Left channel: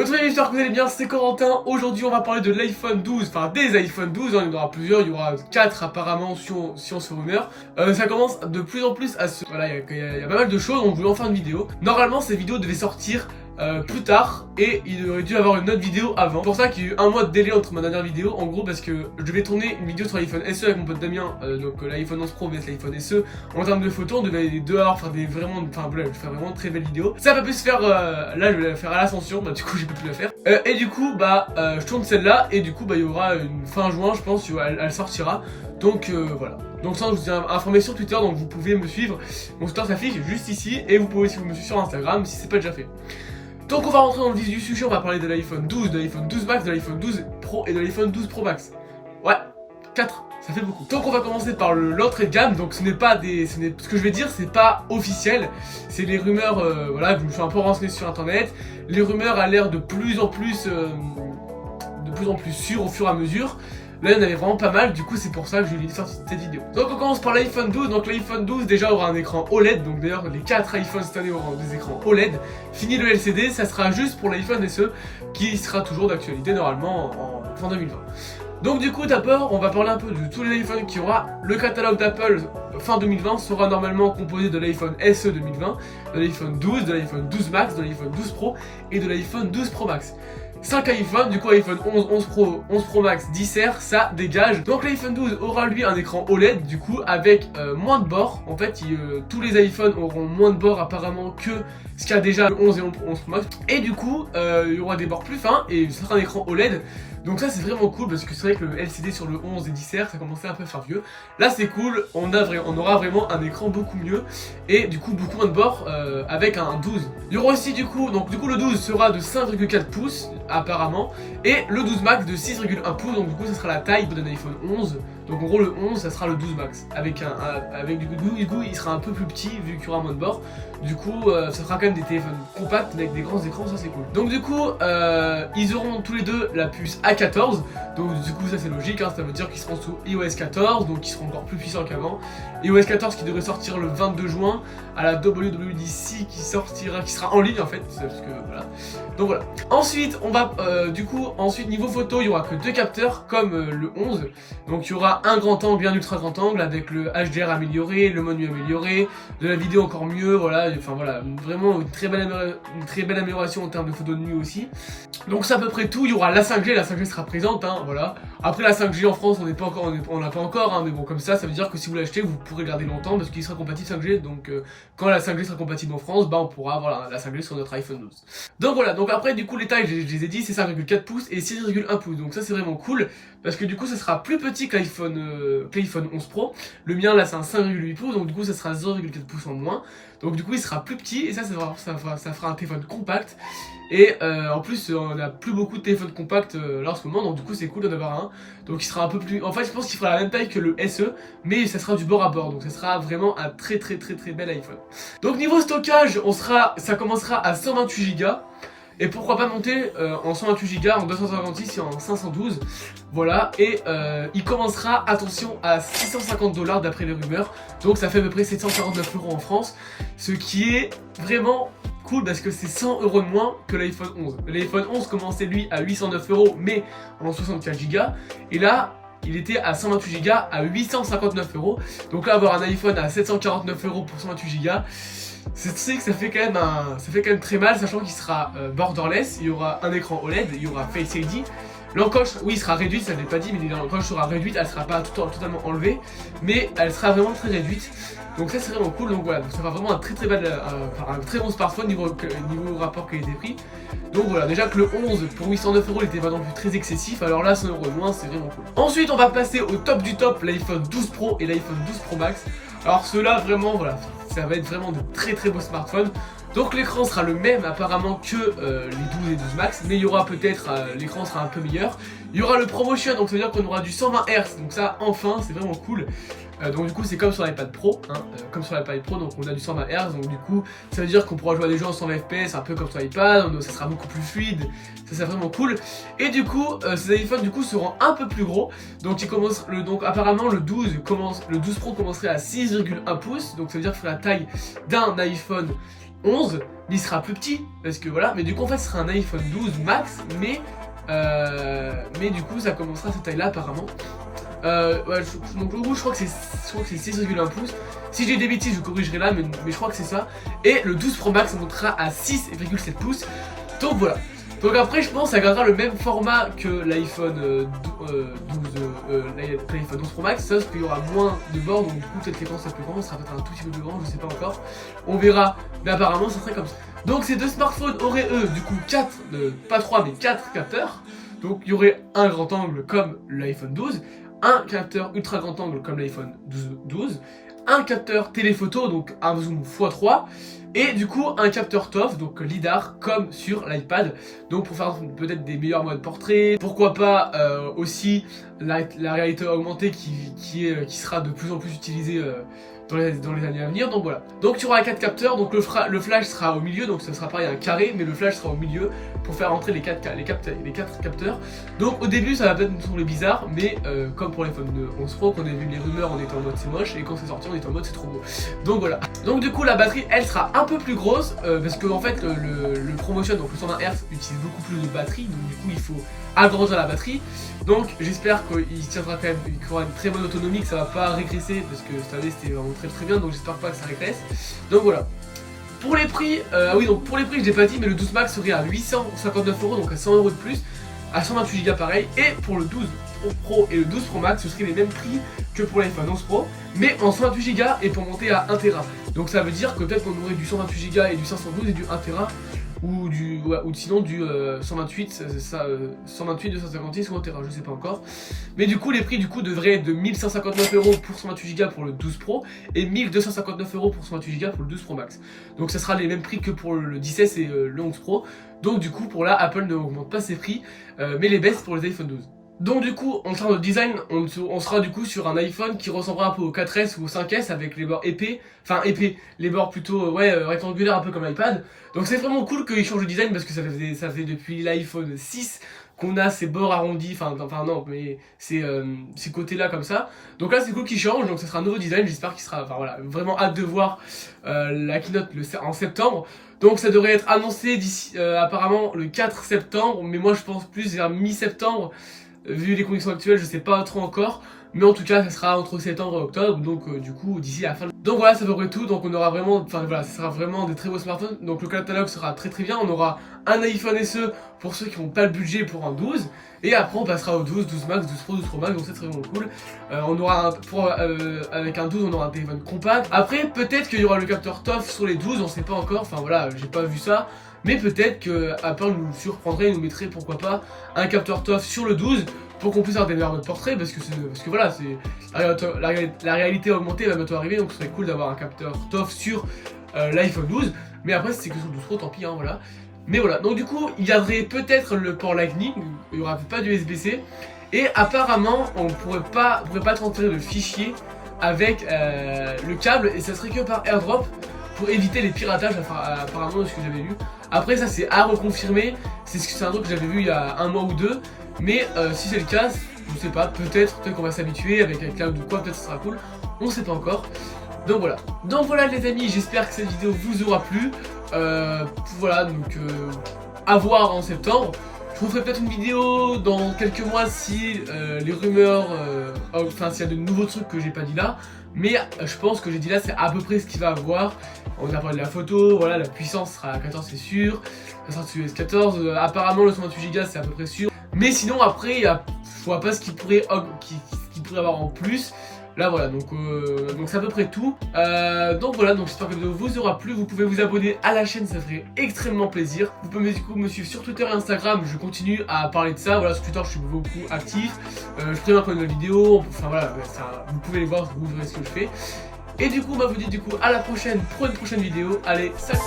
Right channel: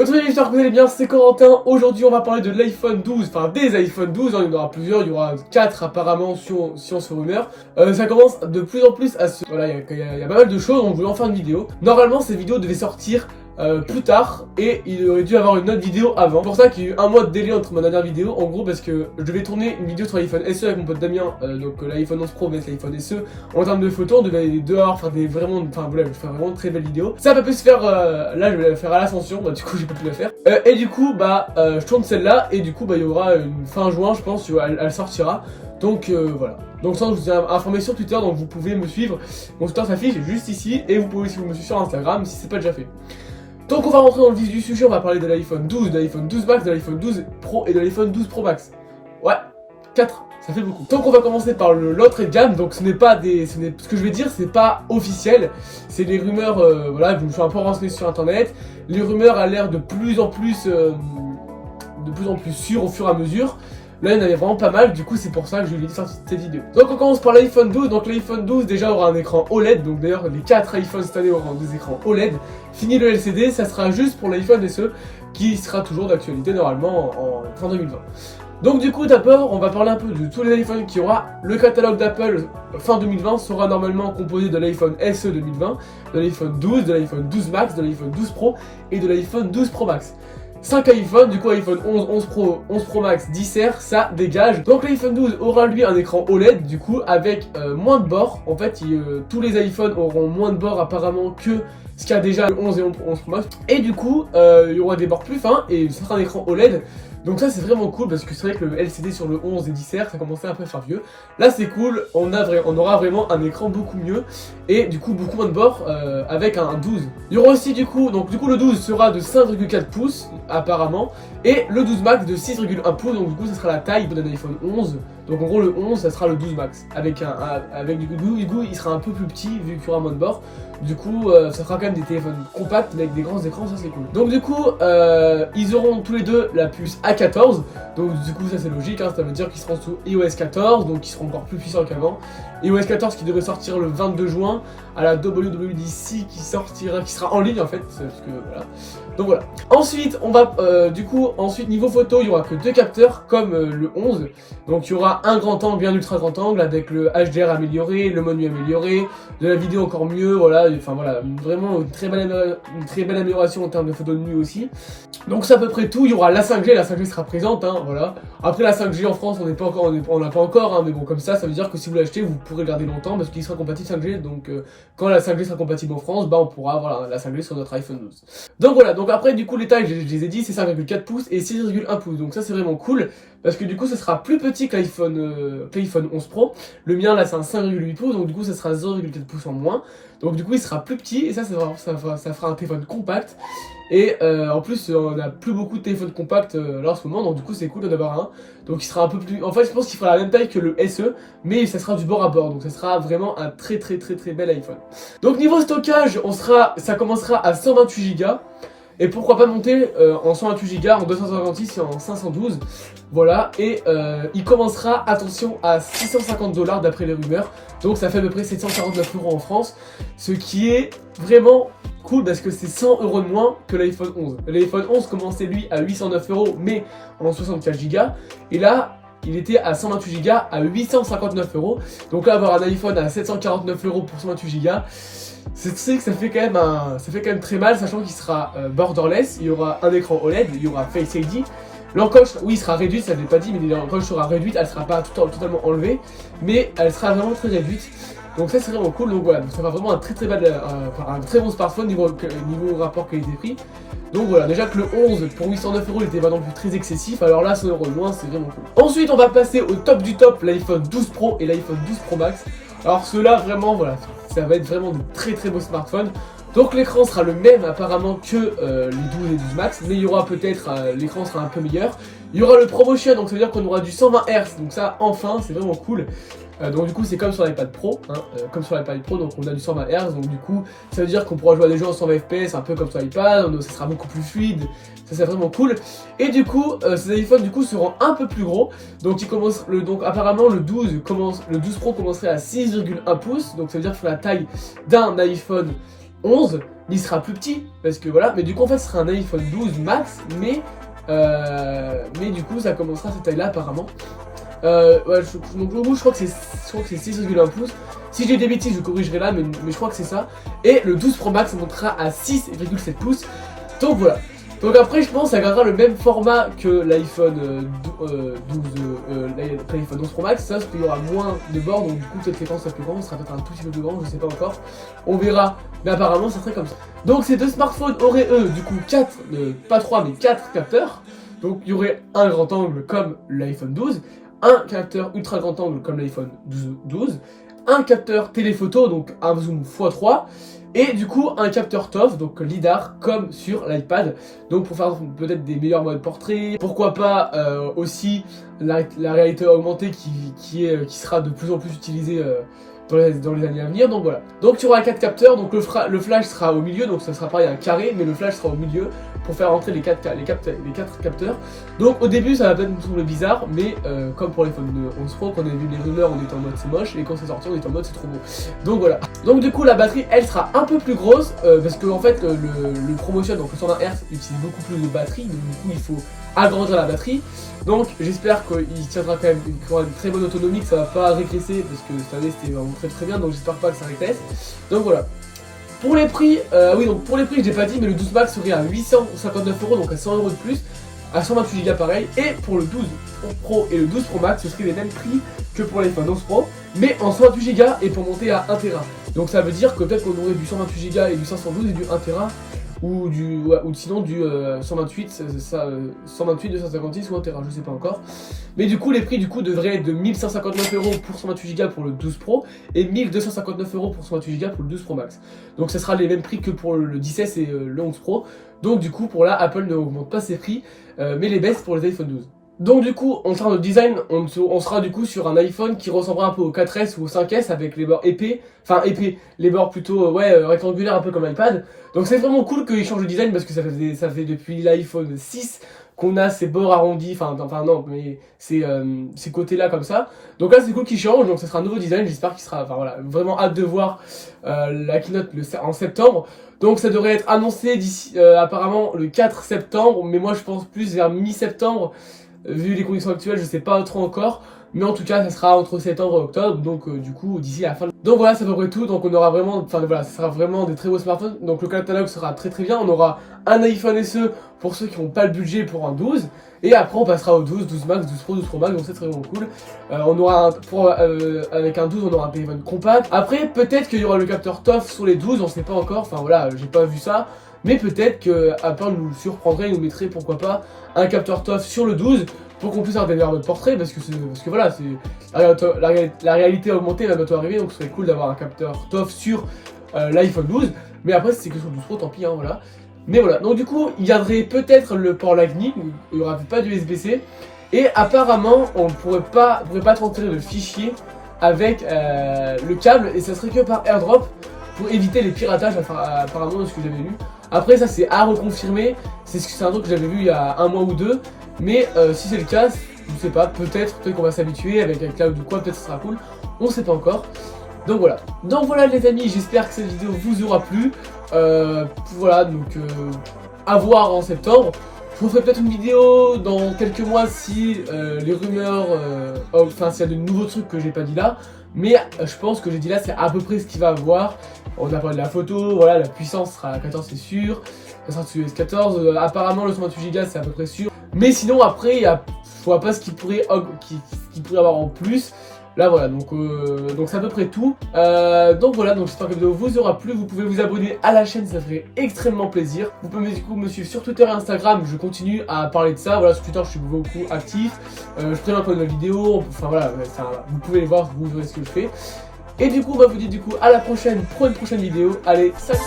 Aujourd'hui, j'espère que vous allez bien, c'est Corentin. Aujourd'hui, on va parler de l'iPhone 12, enfin des iPhone 12, hein, il y en aura plusieurs, il y aura 4 apparemment si on se rumeur. Ça commence de plus en plus à se... Voilà, il y a pas mal de choses, on voulait en faire une vidéo. Normalement, cette vidéo devait sortir plus tard et il aurait dû avoir une autre vidéo avant. C'est pour ça qu'il y a eu un mois de délai entre ma dernière vidéo, en gros parce que je devais tourner une vidéo sur l'iPhone SE avec mon pote Damien, donc l'iPhone 11 Pro vs l'iPhone SE. En termes de photos, on devait aller dehors, faire des vraiment, enfin voilà, faire vraiment de très belles vidéos. Ça va pas pu se faire, là je vais la faire à l'ascension, bah du coup j'ai pas pu la faire. Et du coup je tourne celle-là et du coup il y aura une fin juin je pense, elle sortira. Donc voilà. Donc ça je vous ai informé sur Twitter, donc vous pouvez me suivre. Mon Twitter s'affiche juste ici et vous pouvez aussi me suivre sur Instagram si c'est pas déjà fait. Donc on va rentrer dans le vif du sujet, on va parler de l'iPhone 12, de l'iPhone 12 Max, de l'iPhone 12 Pro et de l'iPhone 12 Pro Max. Ouais, 4, ça fait beaucoup. Donc on va commencer par l'entrée de gamme, donc ce que je vais dire c'est pas officiel, c'est les rumeurs, voilà, je me suis un peu renseigné sur internet, les rumeurs a l'air de plus en plus sûres au fur et à mesure. Là, il y en avait vraiment pas mal, du coup, c'est pour ça que je lui ai sorti cette vidéo. Donc, on commence par l'iPhone 12. Donc, l'iPhone 12, déjà, aura un écran OLED. Donc, d'ailleurs, les 4 iPhones cette année auront des écrans OLED. Fini le LCD, ça sera juste pour l'iPhone SE, qui sera toujours d'actualité, normalement, en fin 2020. Donc, du coup, d'abord, on va parler un peu de tous les iPhones qu'il y aura. Le catalogue d'Apple, fin 2020, sera normalement composé de l'iPhone SE 2020, de l'iPhone 12, de l'iPhone 12 Max, de l'iPhone 12 Pro et de l'iPhone 12 Pro Max. 5 iPhones, du coup iPhone 11, 11 Pro, 11 Pro Max, 10 R, ça dégage. Donc l'iPhone 12 aura lui un écran OLED, du coup avec moins de bords. En fait, tous les iPhones auront moins de bords apparemment que ce qu'il y a déjà le 11 et 11 Pro Max. Et du coup, il y aura des bords plus fins et ce sera un écran OLED. Donc ça c'est vraiment cool parce que c'est vrai que le LCD sur le 11 et 10 R ça commençait un peu à faire vieux. Là c'est cool, on aura vraiment un écran beaucoup mieux et du coup beaucoup moins de bords avec un 12. Il y aura aussi du coup le 12 sera de 5,4 pouces apparemment et le 12 Max de 6,1 pouces, donc du coup ça sera la taille d'un iPhone 11. Donc en gros le 11 ça sera le 12 Max avec du coup il sera un peu plus petit vu qu'il y aura moins de bords. Du coup ça sera quand même des téléphones compacts mais avec des grands écrans, ça c'est cool. Donc du coup ils auront tous les deux la puce A14. Donc du coup ça c'est logique, hein, ça veut dire qu'ils seront sous iOS 14, donc ils seront encore plus puissants qu'avant. iOS 14 qui devrait sortir le 22 juin à la WWDC qui sera en ligne en fait, parce que voilà. Donc voilà. Ensuite on va niveau photo il y aura que 2 capteurs comme le 11. Donc il y aura un grand angle et un ultra grand angle avec le HDR amélioré, le mode nuit amélioré, de la vidéo encore mieux, voilà, enfin voilà, vraiment une très belle amélioration en termes de photos de nuit aussi. Donc c'est à peu près tout. Il y aura la 5G sera présente, hein, voilà. Après la 5G en France on l'a pas encore, hein, mais bon comme ça veut dire que si vous l'achetez vous pourrez garder longtemps parce qu'il sera compatible 5G, donc quand la 5G sera compatible en France, on pourra avoir la 5G sur notre iPhone 12. Donc voilà, donc après du coup les tailles je les ai dit, c'est 5,4 pouces et 6,1 pouces, donc ça c'est vraiment cool parce que du coup ça sera plus petit que l'iPhone 11 Pro. Le mien là c'est un 5,8 pouces, donc du coup ça sera 0,4 pouces en moins, donc du coup il sera plus petit et ça fera un téléphone compact. Et en plus on a plus beaucoup de téléphones compacts là en ce moment, donc du coup c'est cool d'en avoir un. Donc il sera un peu plus... En fait je pense qu'il fera la même taille que le SE, mais ça sera du bord à bord, donc ça sera vraiment un très bel iPhone. Donc niveau stockage, ça commencera à 128 Go. Et pourquoi pas monter en 128 Go, en 256 et en 512. Voilà, et il commencera, attention, à 650 $ d'après les rumeurs. Donc ça fait à peu près 749 € en France. Ce qui est vraiment cool parce que c'est 100 € de moins que l'iPhone 11. L'iPhone 11 commençait lui à 809 € mais en 64 Go. Et là, il était à 128 Go à 859 €. Donc là, avoir un iPhone à 749 € pour 128 Go, c'est que ça fait quand même très mal, sachant qu'il sera borderless, il y aura un écran OLED, il y aura Face ID. L'encoche, oui, sera réduite, ça ne l'ai pas dit, mais l'encoche sera réduite, elle sera pas totalement enlevée, mais elle sera vraiment très réduite. Donc ça c'est vraiment cool, donc voilà, donc ça fera vraiment un très bon smartphone niveau rapport qualité-prix. Donc voilà, déjà que le 11 pour 809 € il était pas non plus très excessif, alors là 100 € de moins, c'est vraiment cool. Ensuite on va passer au top du top, l'iPhone 12 Pro et l'iPhone 12 Pro Max. Alors ceux-là vraiment, voilà, ça va être vraiment de très beaux smartphones. Donc l'écran sera le même apparemment que les 12 et 12 Max, mais il y aura peut-être, l'écran sera un peu meilleur. Il y aura le ProMotion, donc ça veut dire qu'on aura du 120 Hz, donc ça enfin c'est vraiment cool. Donc du coup c'est comme sur l'iPad Pro, hein, donc on a du 120 Hz, donc du coup ça veut dire qu'on pourra jouer à des jeux en 120 FPS un peu comme sur l'iPad, donc ça sera beaucoup plus fluide, ça c'est vraiment cool. Et du coup ces iPhones du coup seront un peu plus gros, donc apparemment le 12 Pro commencerait à 6,1 pouces, donc ça veut dire que c'est la taille d'un iPhone 11. mais il sera plus petit, parce que voilà, mais du coup en fait ce sera un iPhone 12 Max, mais du coup ça commencera à cette taille là apparemment. Ouais, donc le bout je crois que c'est 6,1 pouces. Si j'ai des bêtises je corrigerai là, mais je crois que c'est ça. Et le 12 Pro Max montera à 6,7 pouces. Donc voilà. Donc après je pense que ça gardera le même format que l'iPhone 12 Pro Max, sauf qu'il y aura moins de bords, donc du coup peut-être l'écran sera plus grand, ça sera peut-être un tout petit peu plus grand, je sais pas encore. On verra, mais apparemment ça serait comme ça. Donc ces deux smartphones auraient eux du coup 4, pas 3 mais 4 capteurs. Donc il y aurait un grand angle comme l'iPhone 12, un capteur ultra grand angle comme l'iPhone 12, un capteur téléphoto, donc un zoom x3, et du coup un capteur TOF, donc LiDAR, comme sur l'iPad, donc pour faire peut-être des meilleurs modes portrait, pourquoi pas aussi la réalité augmentée qui sera de plus en plus utilisée dans les années à venir, donc voilà. Donc tu auras 4 capteurs, donc le flash sera au milieu, donc ça sera pareil un carré, mais le flash sera au milieu pour faire entrer les 4 capteurs. Donc au début ça va peut-être nous sembler bizarre, mais comme pour l'iPhone 11 Pro, quand on a vu les rumeurs on était en mode c'est moche, et quand c'est sorti on était en mode c'est trop beau. Donc voilà. Donc du coup la batterie elle sera un peu plus grosse, parce que en fait le ProMotion, donc le 120 Hz utilise beaucoup plus de batterie, donc du coup il faut agrandir la batterie. Donc j'espère qu'il tiendra quand même, qu'il aura une très bonne autonomie, que ça va pas régresser, parce que cette année c'était vraiment très bien, donc j'espère pas que ça régresse. Donc voilà. Pour les prix, donc pour les prix je l'ai pas dit, mais le 12 Max serait à 859 €, donc à 100 € de plus, à 128 Go pareil, et pour le 12 Pro et le 12 Pro Max ce serait les mêmes prix que pour l'iPhone 11 Pro, mais en 128 Go et pour monter à 1 Tera. Donc ça veut dire que peut-être qu'on aurait du 128 Go et du 512 et du 1 Tera, ou sinon du 128, 256 ou 1 Tera, je sais pas encore. Mais du coup les prix devraient être de 1159 € pour 128 Go pour le 12 Pro et 1259 € pour 128 Go pour le 12 Pro Max. Donc ça sera les mêmes prix que pour le 16 et le 11 Pro. Donc du coup pour là Apple ne augmente pas ses prix, mais les baisse pour les iPhone 12. Donc du coup, en termes de design, on sera du coup sur un iPhone qui ressemblera un peu au 4S ou au 5S avec les bords épais, les bords plutôt rectangulaires un peu comme l'iPad. Donc c'est vraiment cool qu'ils changent de design parce que ça fait depuis l'iPhone 6 qu'on a ces bords arrondis, non, mais ces côtés-là comme ça. Donc là c'est cool qu'ils changent, donc ça sera un nouveau design, j'espère qu'il sera, vraiment hâte de voir la keynote en septembre. Donc ça devrait être annoncé d'ici apparemment le 4 septembre, mais moi je pense plus vers mi-septembre. Vu les conditions actuelles, je sais pas trop encore, mais en tout cas, ça sera entre septembre et octobre, donc du coup, d'ici la fin. Donc voilà, ça va être tout. Donc on aura vraiment, ça sera vraiment des très beaux smartphones. Donc le catalogue sera très bien. On aura un iPhone SE pour ceux qui n'ont pas le budget pour un 12, et après on passera au 12 Max, 12 Pro, 12 Pro Max. Donc ça serait vraiment cool. On aura avec un 12, on aura un téléphone compact. Après, peut-être qu'il y aura le capteur TOF sur les 12, on sait pas encore. Enfin voilà, j'ai pas vu ça. Mais peut-être que Apple nous surprendrait et nous mettrait pourquoi pas un capteur TOF sur le 12 pour qu'on puisse avoir des meilleurs modes portrait, parce que voilà, la réalité augmentée va bientôt arriver, donc ce serait cool d'avoir un capteur TOF sur l'iPhone 12. Mais après c'est que sur le 12 Pro, tant pis, hein, voilà. Mais voilà, donc du coup il y aurait peut-être le port Lightning, il n'y aura pas de USB-C, et apparemment on ne pourrait pas transférer de fichiers avec le câble, et ça serait que par AirDrop pour éviter les piratages, apparemment, de ce que j'avais lu. Après ça c'est à reconfirmer, c'est un truc que j'avais vu il y a un mois ou deux, mais si c'est le cas, je sais pas, peut-être qu'on va s'habituer avec un cloud ou quoi, peut-être ça sera cool, on sait pas encore. Donc voilà les amis, j'espère que cette vidéo vous aura plu. Voilà, donc à voir en septembre. Je vous ferai peut-être une vidéo dans quelques mois si les rumeurs, s'il y a de nouveaux trucs que j'ai pas dit là. Mais je pense que j'ai dit là, c'est à peu près ce qu'il va avoir. On a parlé de la photo, voilà, la puissance sera à 14, c'est sûr. Ça sera sur S14, apparemment le 128 Go c'est à peu près sûr. Mais sinon après, je vois pas ce qu'il pourrait avoir en plus. Là voilà, donc c'est à peu près tout. Donc voilà, donc j'espère que la vidéo vous aura plu. Vous pouvez vous abonner à la chaîne, ça ferait extrêmement plaisir. Vous pouvez du coup me suivre sur Twitter et Instagram, je continue à parler de ça. Voilà, sur Twitter je suis beaucoup actif. Je préviens quand il y a une vidéo, enfin voilà, vous pouvez les voir, vous verrez ce que je fais. Et du coup, je vous dis à la prochaine pour une prochaine vidéo. Allez, salut!